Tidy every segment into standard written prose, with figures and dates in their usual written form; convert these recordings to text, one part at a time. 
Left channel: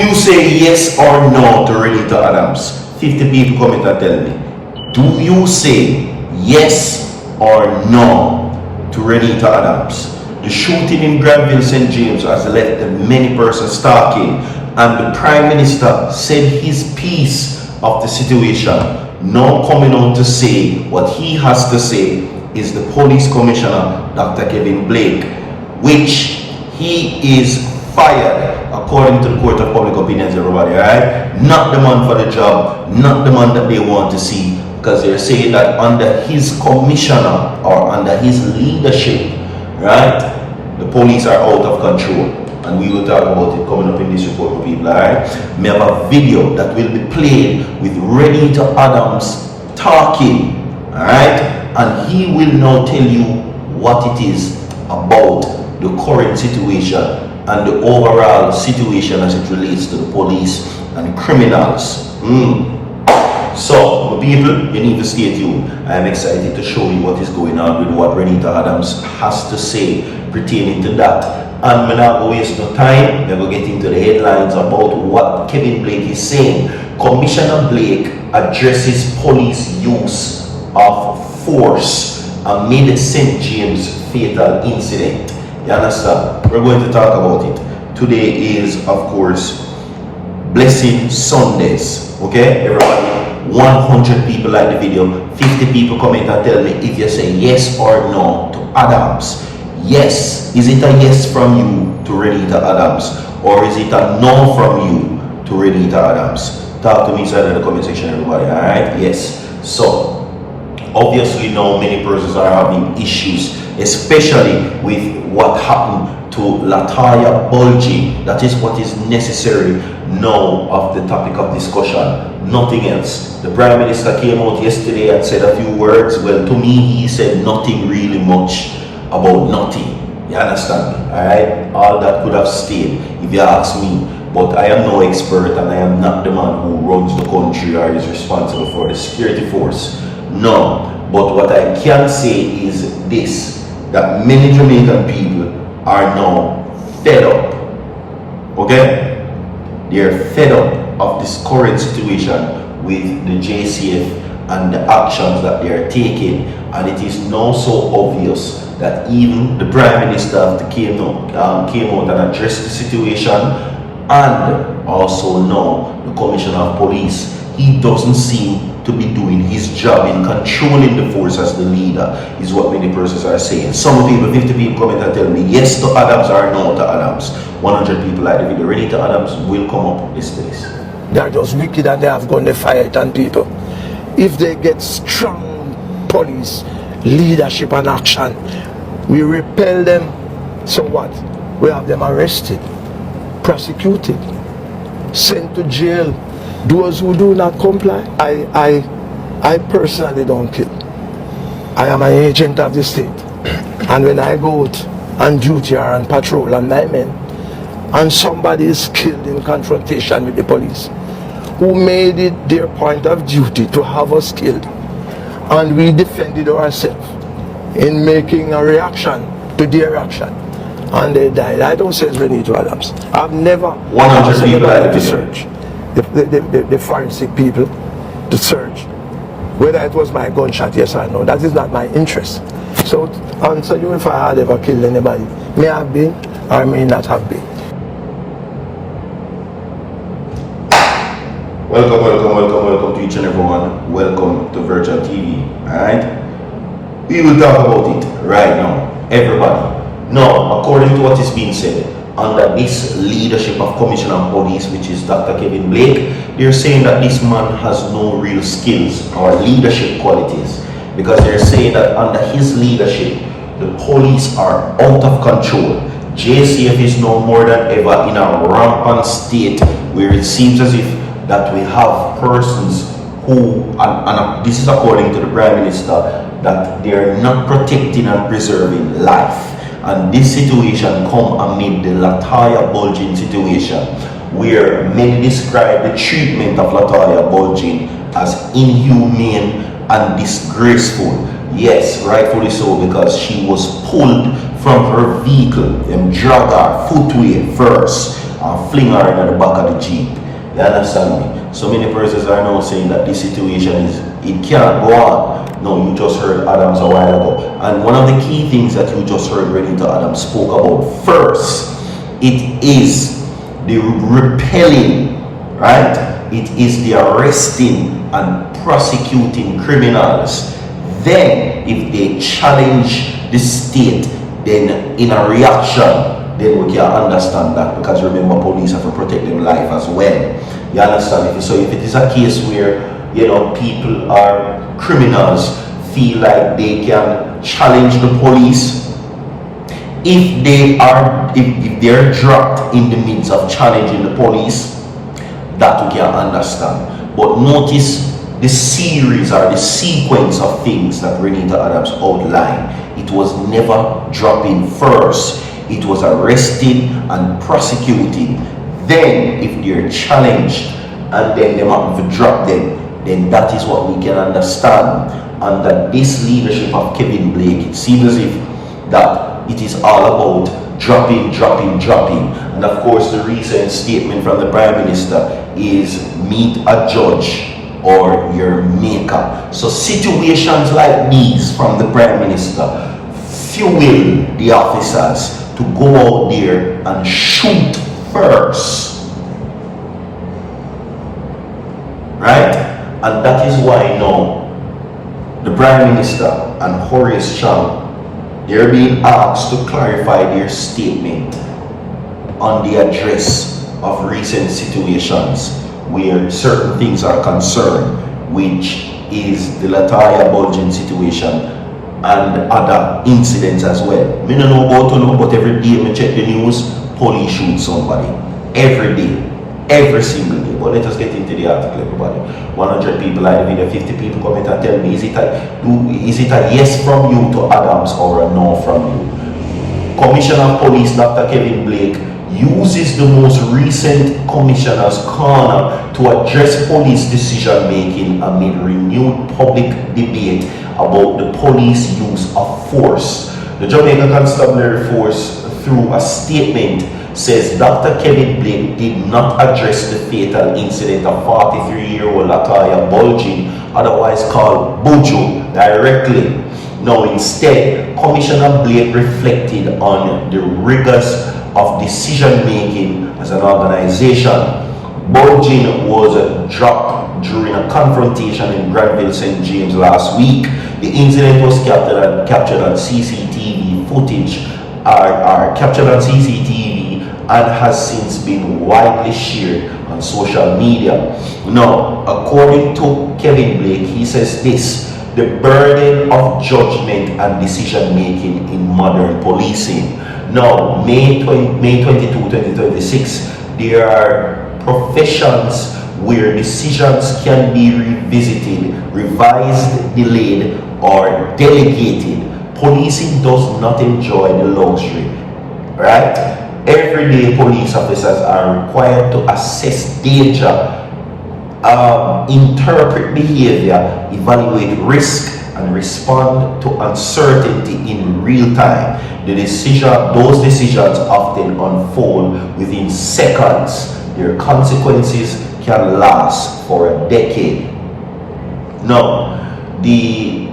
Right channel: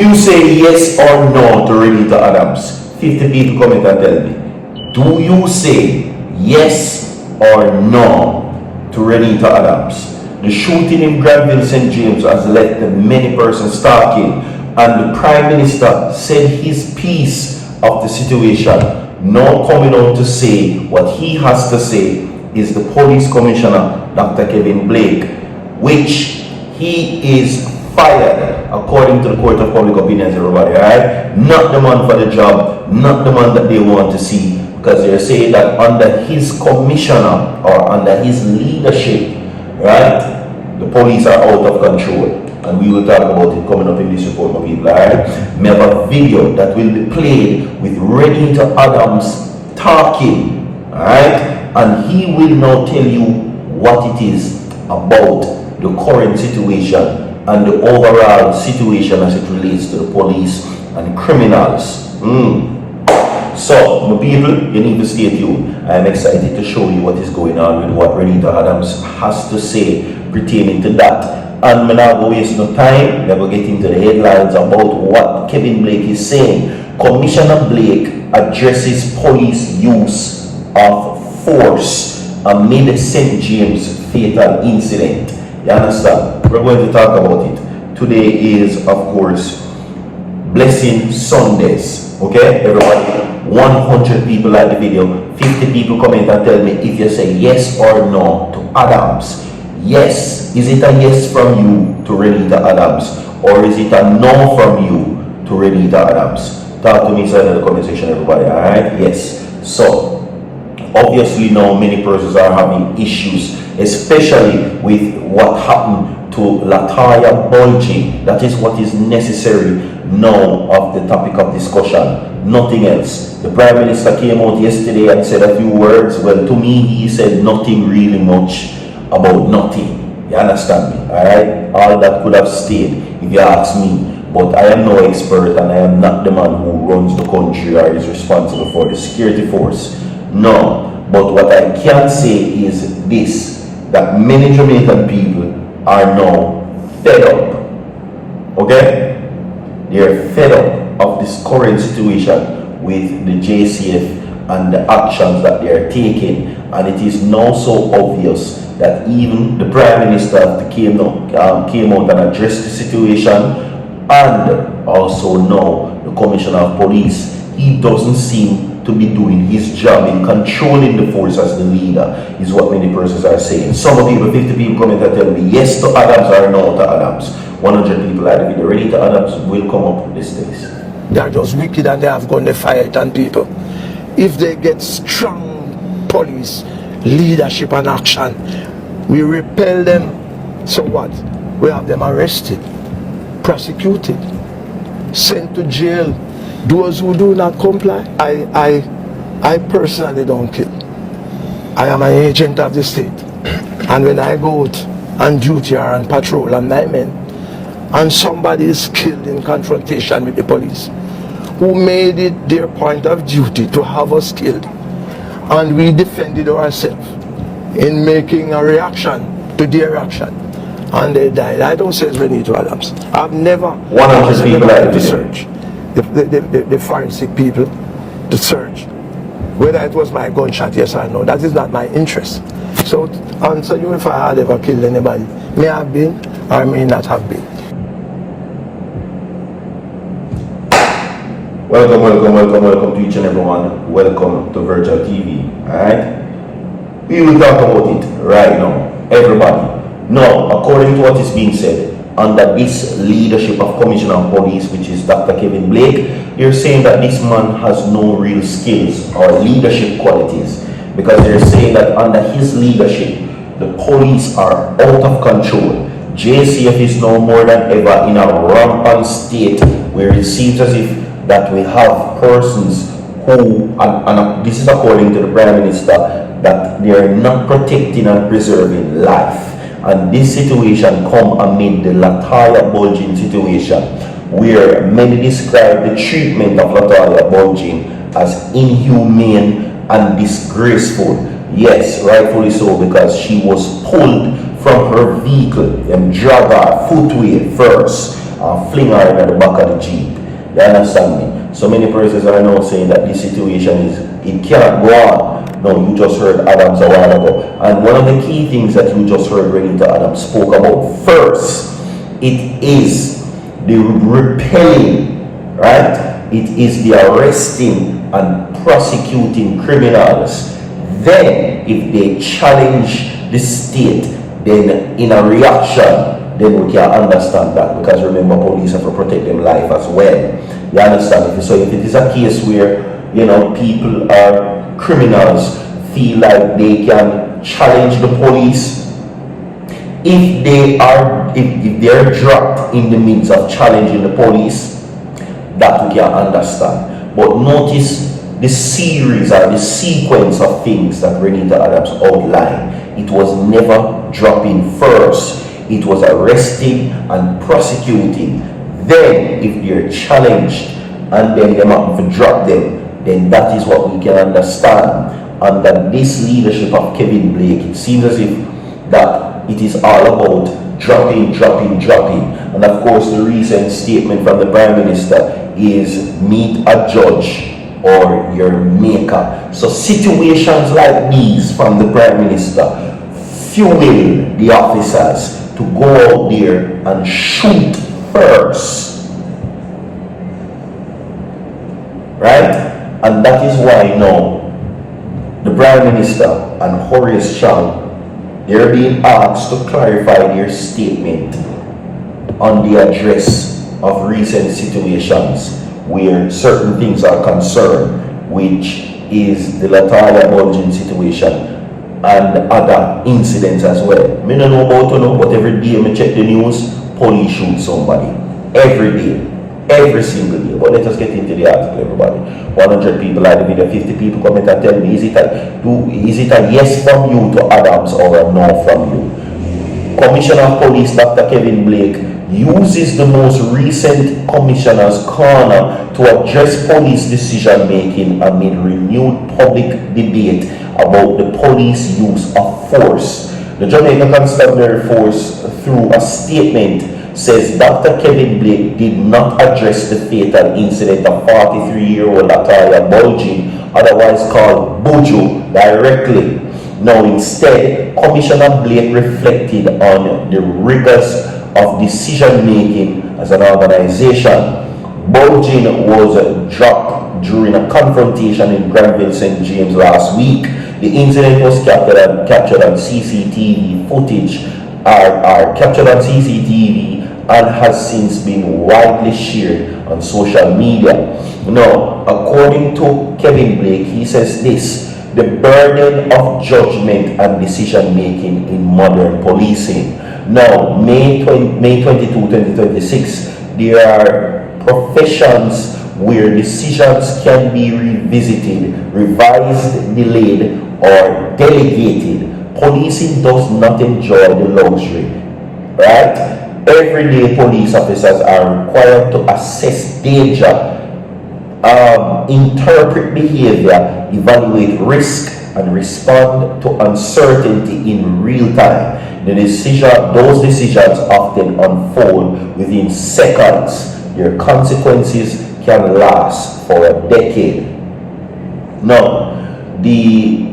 you say yes or no to Renito Adams? 50 people comment and tell me. Do you say yes or no to Renito Adams? The shooting in Granville St. James has left many persons talking, and the Prime Minister said his piece of the situation. Now coming out to say what he has to say is the Police Commissioner, Dr. Kevin Blake, which he is fired according to the Court of Public Opinions, everybody, alright? Not the man for the job, not the man that they want to see, because they're saying that under his commissioner or under his leadership, right, the police are out of control. And we will talk about it coming up in this report, my people, alright? We have a video that will be played with Renito Adams talking, alright? And he will now tell you what it is about the current situation and the overall situation as it relates to the police and criminals. So, my people, you need to stay tuned. I am excited to show you what is going on with what Renito Adams has to say pertaining to that. And we're not going to waste no time. We're going to get into the headlines about what Kevin Blake is saying. Commissioner Blake addresses police use of force amid St. James fatal incident. You understand? We're going to talk about it. Today is, of course, Blessing Sundays. Okay, everybody? 100 people like the video. 50 people comment and tell me if you say yes or no to Adams. Yes. Is it a yes from you to Renito Adams? Or is it a no from you to Renito Adams? Talk to me inside of the comment section, everybody. Alright? Yes. So, obviously now many persons are having issues, especially with what happened to Lataya Bulging. That is what is necessary now of the topic of discussion. Nothing else. The Prime Minister came out yesterday and said a few words. Well, to me, he said nothing really much about nothing. You understand me? Alright? All that could have stayed if you ask me. But I am no expert and I am not the man who runs the country or is responsible for the security force. No. But what I can say is this, that many Jamaican people are now fed up. Okay? They are fed up of this current situation with the JCF and the actions that they are taking. And it is now so obvious that even the Prime Minister came out and addressed the situation, and also now the Commissioner of Police, he doesn't seem to be doing his job in controlling the force as the leader, is what many persons are saying. Some people, 50 people comment and tell me yes to Adams or no to Adams. 100 people like the video. Renito Adams will come up. Listen to this. They are just wicked and they have gone to fight on people. If they get strong police leadership and action, we repel them. So what? We have them arrested, prosecuted, sent to jail. Those who do not comply, I personally don't kill. I am an agent of the state. And when I go out on duty or on patrol and my men, and somebody is killed in confrontation with the police, who made it their point of duty to have us killed, and we defended ourselves in making a reaction to their action, and they died. I don't say it's Renito Adams. I've never asked anybody to search the forensic people to search whether it was my gunshot, yes or no. That is not my interest. So to answer you, if I had ever killed anybody, may have been or may not have been. Welcome to each and everyone. Welcome to Virtual TV. Alright? We will talk about it right now. Everybody. Now, according to what is being said, under this leadership of Commissioner of Police, which is Dr. Kevin Blake, they're saying that this man has no real skills or leadership qualities, because they're saying that under his leadership, the police are out of control. JCF is no more than ever in a rampant state where it seems as if that we have persons who, and this is according to the Prime Minister, that they are not protecting and preserving life. And this situation come amid the Lataya Bulging situation, where many describe the treatment of Lataya Bulging as inhumane and disgraceful. Yes, rightfully so, because she was pulled from her vehicle, them drag her footway first, and fling her in the back of the Jeep. You understand me? So many persons are now saying that this situation it cannot go on. No, you just heard Adams a while ago. And one of the key things that you just heard Renito Adams spoke about first, it is the repelling, right? It is the arresting and prosecuting criminals. Then, if they challenge the state, then in a reaction, then we can understand that, because remember, police have to protect them life as well. You understand? So if it is a case where, you know, people are criminals, feel like they can challenge the police, if they're dropped in the midst of challenging the police, that we can understand. But notice the series or the sequence of things that Renito Adams outlined. It was never dropping first. It was arresting and prosecuting. Then, if they're challenged and then they have to drop them, then that is what we can understand. Under this leadership of Kevin Blake, it seems as if that it is all about dropping. And of course, the recent statement from the Prime Minister is meet a judge or your maker. So situations like these from the Prime Minister fuel the officers to go out there and shoot first, right? And that is why now the Prime Minister and Horace Chang, they're being asked to clarify their statement on the address of recent situations where certain things are concerned, which is the Latoya Bulgin situation and other incidents as well. Me don't know about you, but every day I check the news, police shoot somebody. Every day. Every single day. But let us get into the article, everybody. 100 people like the video, 50 people comment and tell me, is it a yes from you to Adams or a no from you? Commissioner of Police Dr. Kevin Blake uses the most recent Commissioner's Corner to address police decision making amid renewed public debate about the police use of force. The Jamaica Constabulary Force, through a statement, says Dr. Kevin Blake did not address the fatal incident of 43-year-old Latoya Bulgin, otherwise called Buju, directly. Now instead, Commissioner Blake reflected on the rigors of decision making as an organization. Bulgin was dropped during a confrontation in Granville St. James last week. The incident was captured on CCTV footage, are captured on CCTV and has since been widely shared on social media. Now, according to Kevin Blake, he says this: the burden of judgment and decision making in modern policing. Now, May 22, 2026, there are professions where decisions can be revisited, revised, delayed, or delegated. Policing does not enjoy the luxury, right? Everyday police officers are required to assess danger, interpret behavior, evaluate risk, and respond to uncertainty in real time. Those decisions often unfold within seconds. Their consequences can last for a decade. Now, the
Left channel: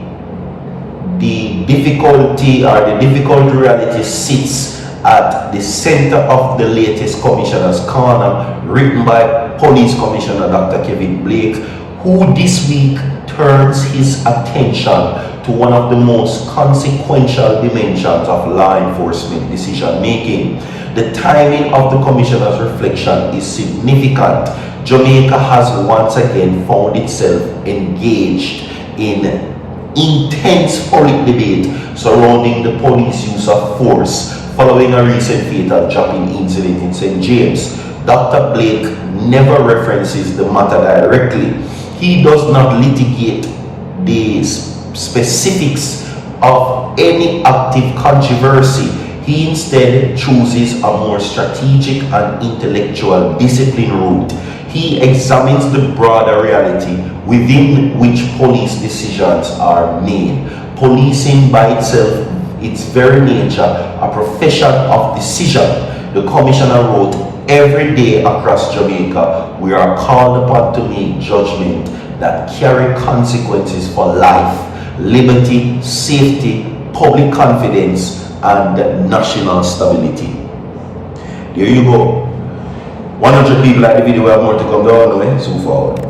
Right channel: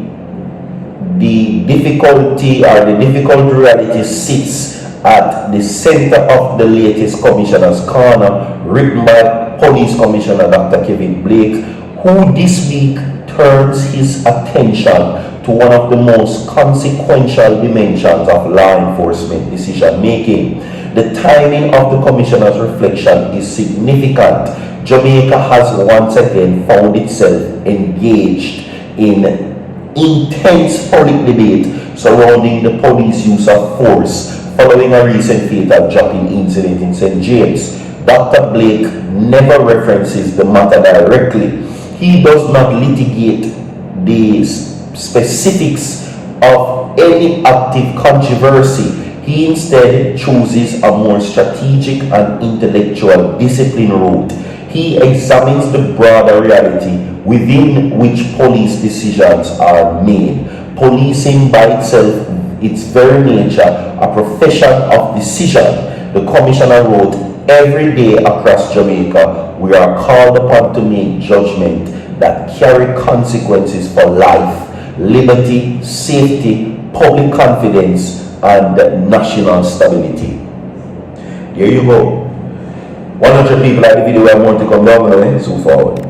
difficulty or the difficult reality sits at the center of the latest Commissioner's Corner, written by Police Commissioner Dr. Kevin Blake, who this week turns his attention to one of the most consequential dimensions of law enforcement decision making. The timing of the Commissioner's reflection is significant. Jamaica has once again found itself engaged in intense public debate surrounding the police use of force following a recent fatal dropping incident in St. James. Dr. Blake never references the matter directly. He does not litigate the specifics of any active controversy. He instead chooses a more strategic and intellectual discipline route. He examines the broader reality within which police decisions are made. Policing by itself, its very nature, a profession of decision. The Commissioner wrote every day across Jamaica, we are called upon to make judgment that carry consequences for life, liberty, safety, public confidence, and national stability. There you go. 100 people like the video, we have more to come down, so forward.